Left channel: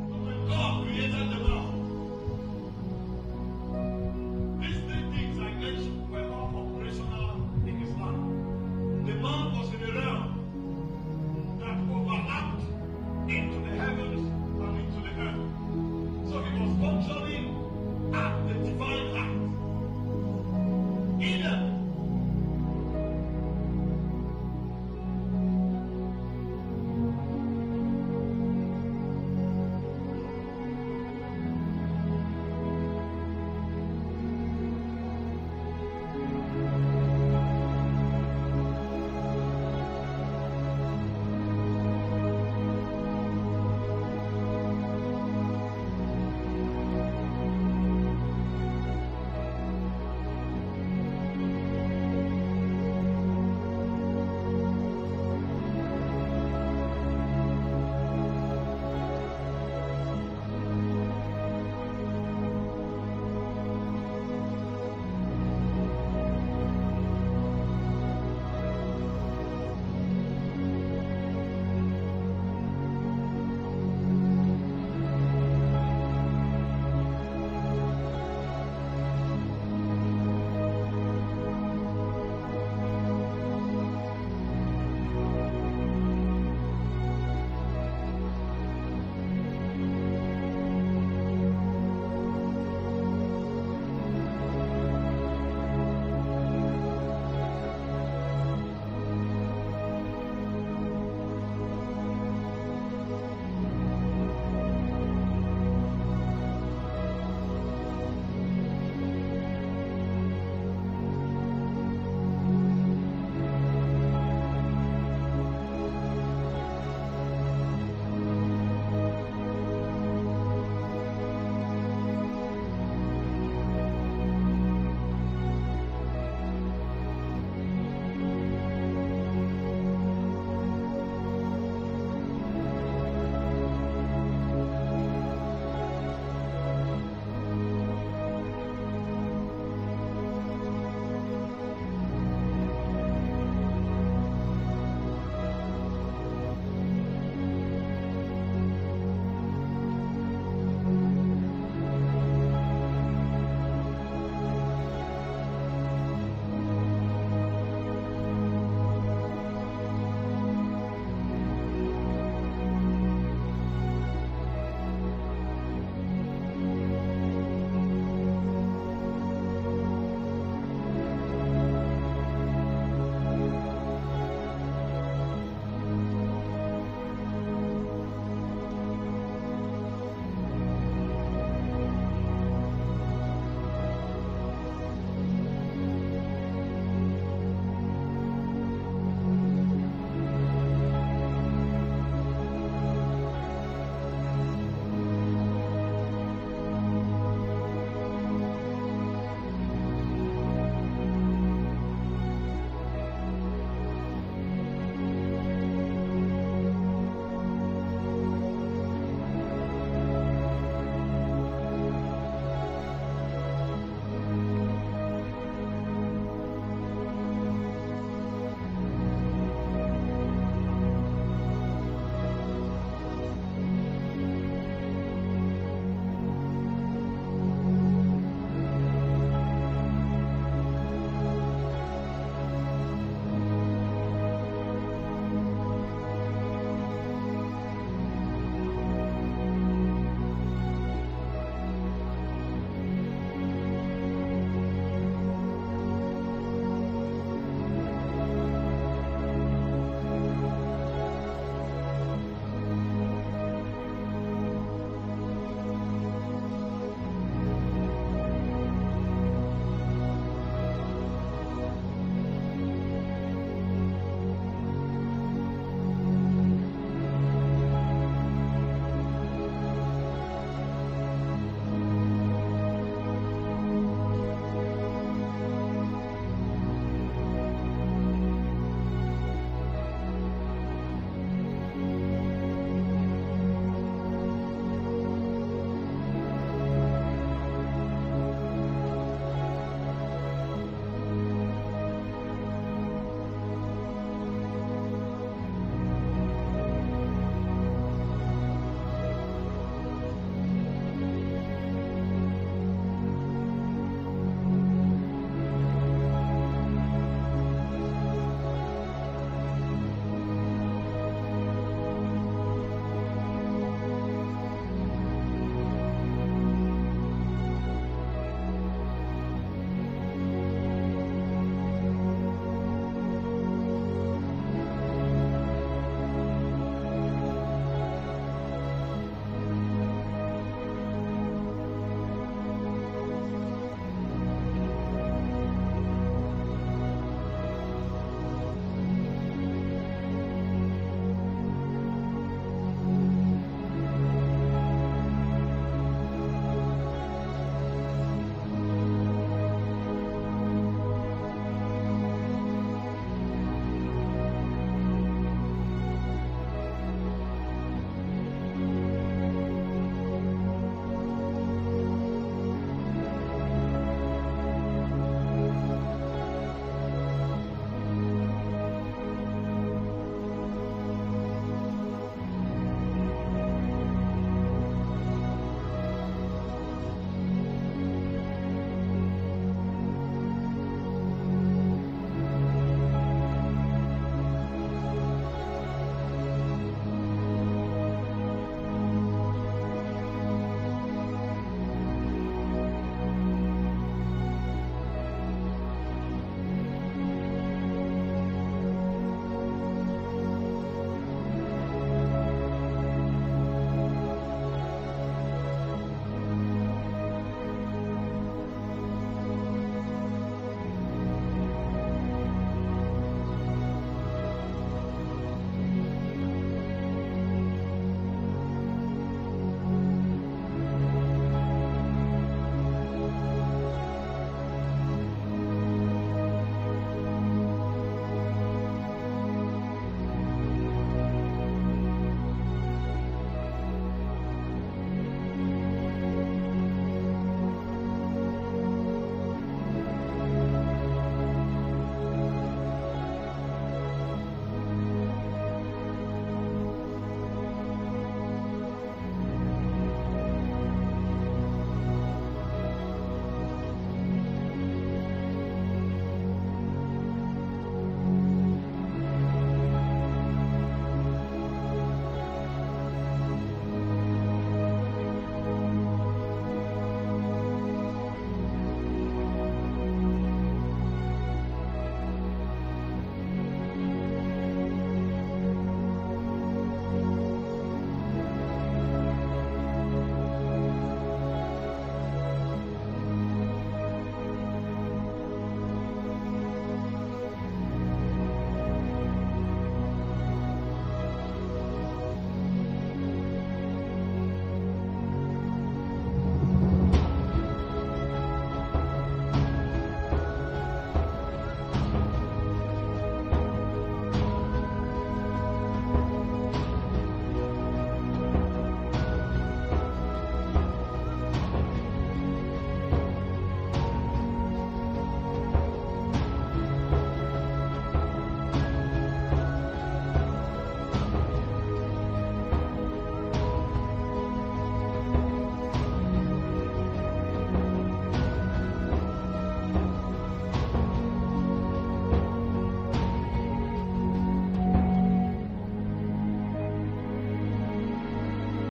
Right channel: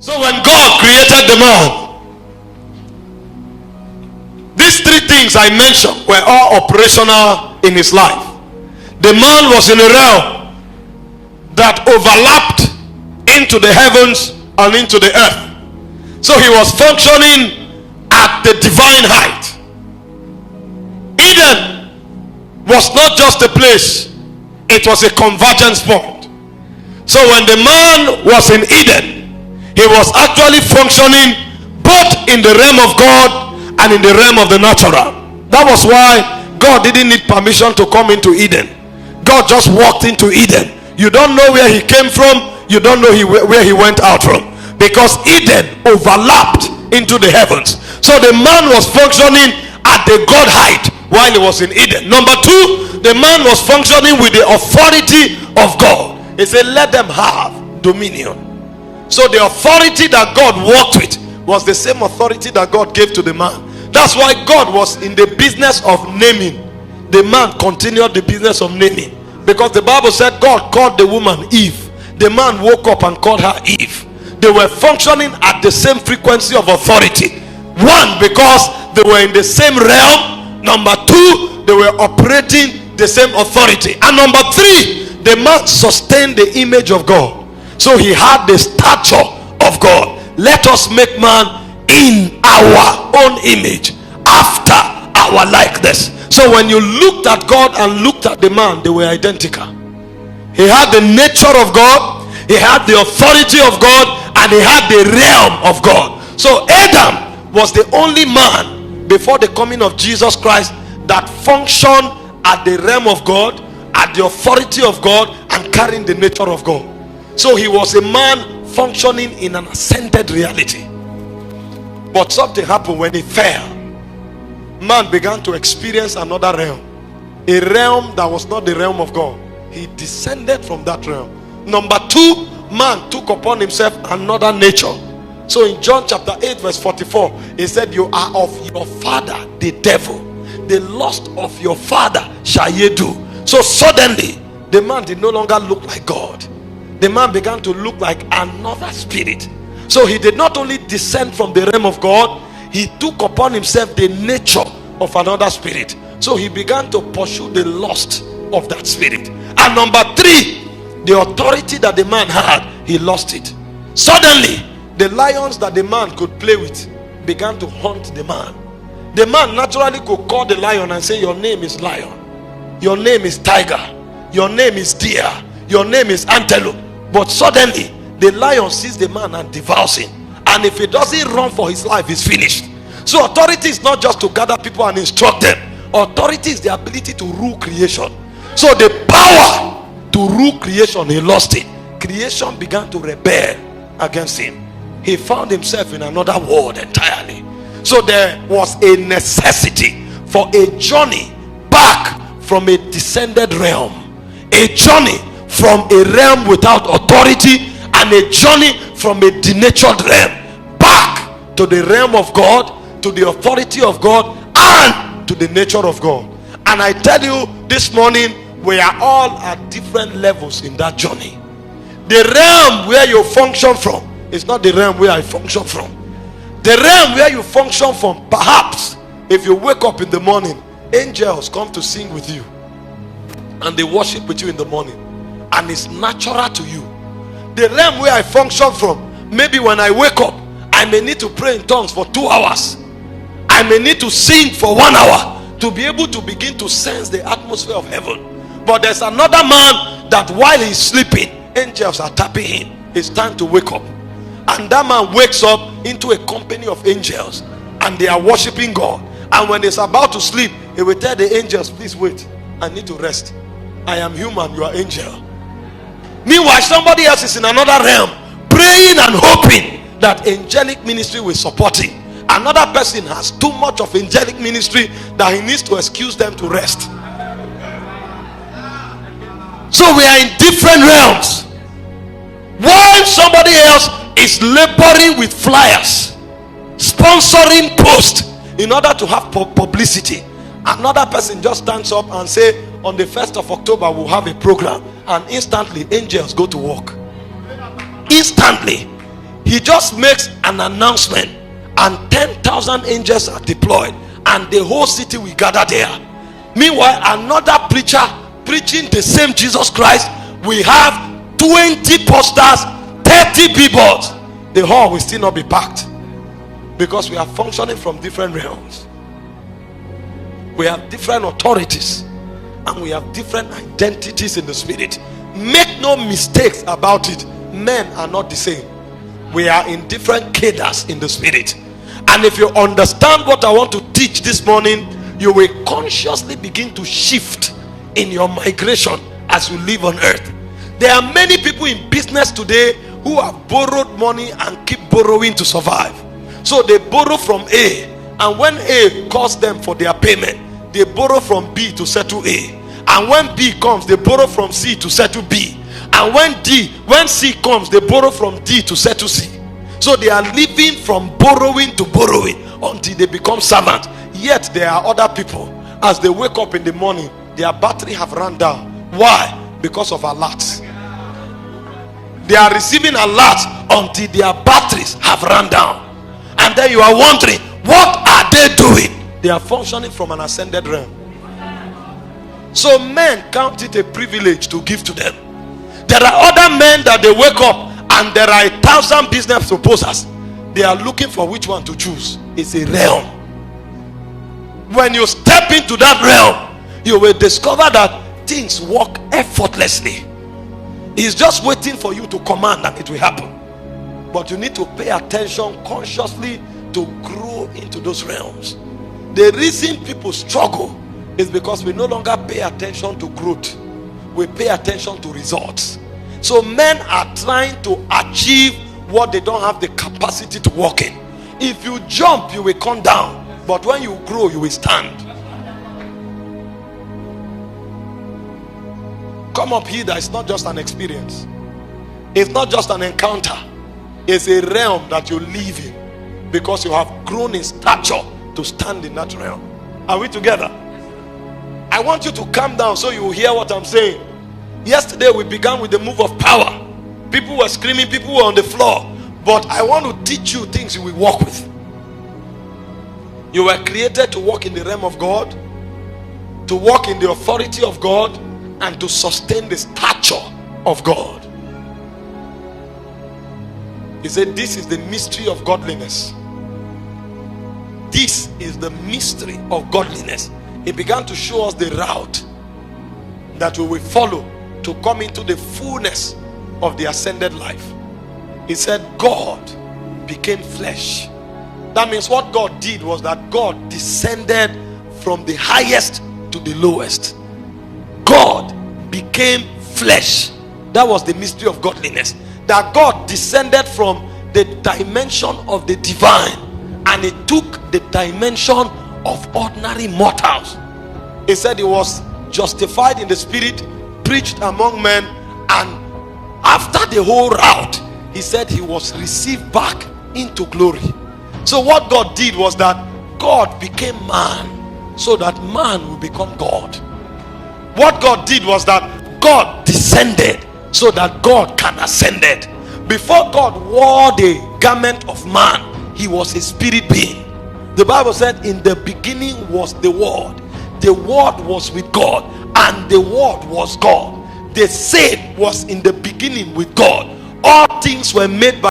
So when God created the man, these three things I mentioned were all operational in his life. The man was in a realm that overlapped into the heavens and into the earth. So he was functioning at the divine height. Eden was not just a place, it was a convergence point. So when the man was in Eden, he was actually functioning both in the realm of God and in the realm of the natural. That was why God didn't need permission to come into Eden. God just walked into Eden. You don't know where he came from, you don't know where he went out from, because Eden overlapped into the heavens. So the man was functioning at the God height while he was in Eden. Number two, the man was functioning with the authority of God. He said, let them have dominion. So the authority that God walked with was the same authority that God gave to the man. That's why God was in the business of naming. The man continued the business of naming, because the Bible said God called the woman Eve. The man woke up and called her Eve. They were functioning at the same frequency of authority. One, because they were in the same realm. Number two, they were operating the same authority. And number three, the man sustained the image of God. So he had the stature of God. Let us make man in our own image, after our likeness. So when you looked at God and looked at the man, they were identical. He had the nature of God, he had the authority of God, and he had the realm of God. So Adam was the only man before the coming of Jesus Christ that functioned at the realm of God, at the authority of God, and carrying the nature of God. So he was a man functioning in an ascended reality. But something happened when he fell. Man began to experience another realm, a realm that was not the realm of God. He descended from that realm. Number two, man took upon himself another nature. So in John chapter 8 verse 44, he said, you are of your father the devil, the lust of your father shall ye do. So suddenly the man did no longer look like God. The man began to look like another spirit. So he did not only descend from the realm of God, he took upon himself the nature of another spirit. So he began to pursue the lust of that spirit. And number three, the authority that the man had, he lost it. Suddenly, the lions that the man could play with began to hunt the man. The man naturally could call the lion and say, your name is lion, your name is tiger, your name is deer, your name is antelope. But suddenly the lion sees the man and devours him, and if he doesn't run for his life, he's finished. So authority is not just to gather people and instruct them. Authority is the ability to rule creation. So the power to rule creation, he lost it. Creation began to rebel against him. He found himself in another world entirely. So there was a necessity for a journey back from a descended realm, a journey from a realm without authority, and a journey from a denatured realm back to the realm of God, to the authority of God, and to the nature of God. And I tell you this morning, we are all at different levels in that journey. The realm where you function from is not the realm where I function from. The realm where you function from, perhaps if you wake up in the morning, angels come to sing with you and they worship with you in the morning, and it's natural to you. The realm where I function from, maybe when I wake up, I may need to pray in tongues for 2 hours. I may need to sing for 1 hour to be able to begin to sense the atmosphere of heaven. But there's another man that while he's sleeping, angels are tapping him. It's time to wake up. And that man wakes up into a company of angels, and they are worshiping God. And when he's about to sleep, he will tell the angels, please wait, I need to rest. I am human, you are angel. Meanwhile, somebody else is in another realm, praying and hoping that angelic ministry will support him. Another person has too much of angelic ministry that he needs to excuse them to rest. So we are in different realms. While somebody else is laboring with flyers, sponsoring posts in order to have publicity, another person just stands up and say, on the 1st of October we'll have a program, and instantly angels go to work. Instantly He just makes an announcement and 10,000 angels are deployed and the whole city will gather there. Meanwhile, another preacher preaching the same Jesus Christ, we have 20 posters, 30 billboards. The hall will still not be packed because we are functioning from different realms. We have different authorities and we have different identities in the spirit. Make no mistakes about it. Men are not the same. We are in different cadres in the spirit. And if you understand what I want to teach this morning, you will consciously begin to shift in your migration as you live on earth. There are many people in business today who have borrowed money and keep borrowing to survive. So they borrow from A, and when A calls them for their payment, they borrow from B to settle A. And when B comes, they borrow from C to settle B. And when C comes, they borrow from D to settle C. So they are living from borrowing to borrowing until they become servants. Yet there are other people, as they wake up in the morning, their battery have run down. Why? Because of alerts. They are receiving alerts until their batteries have run down. And then you are wondering, what are they doing? They are functioning from an ascended realm. So men count it a privilege to give to them. There are other men that they wake up and there are 1,000 business proposals. They are looking for which one to choose. It's a realm. When you step into that realm, you will discover that things work effortlessly. It's just waiting for you to command and it will happen. But you need to pay attention consciously to grow into those realms. The reason people struggle is because we no longer pay attention to growth. We pay attention to results. So men are trying to achieve what they don't have the capacity to walk in. If you jump, you will come down. But when you grow, you will stand. Come up here, that is not just an experience. It's not just an encounter. It's a realm that you live in because you have grown in stature to stand in that realm. Are we together? I want you to calm down so you will hear what I'm saying. Yesterday we began with the move of power. People were screaming, people were on the floor. But I want to teach you things you will walk with. You were created to walk in the realm of God, to walk in the authority of God, and to sustain the stature of God. He said, this is the mystery of godliness. This is the mystery of godliness. He began to show us the route that we will follow to come into the fullness of the ascended life. He said, God became flesh. That means what God did was that God descended from the highest to the lowest. God became flesh. That was the mystery of godliness. That God descended from the dimension of the divine and he took the dimension of ordinary mortals. He said he was justified in the spirit, preached among men, and after the whole route, he said he was received back into glory. So what God did was that God became man so that man will become God. What God did was that God descended so that God can ascend. Before God wore the garment of man, he was a spirit being. The Bible said in the beginning was the Word. The Word was with God and the Word was God. The same was in the beginning with God. All things were made by